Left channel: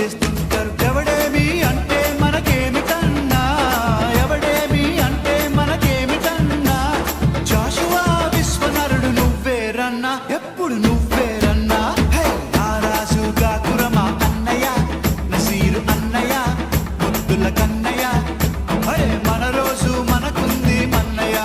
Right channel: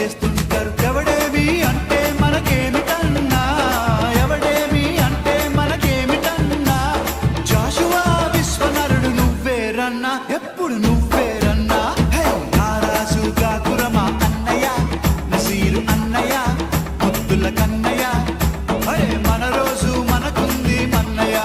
చేస్తుంటారు. ఎవడేమి అంటే మనకేమిటన్నా, ఎవడేమి అంటే మనకేమిటన్నా. జాషువా విశ్వనరుడు నువ్వేరన్నా, ఎప్పుడు నువ్వేరన్నా. హే నారాజు గాకురమా అన్నయ్య, నసీరు అన్నయ్య, ముద్దుల కన్నయ్య. అరే మన రోజు మనకుంది మన్నయ్య.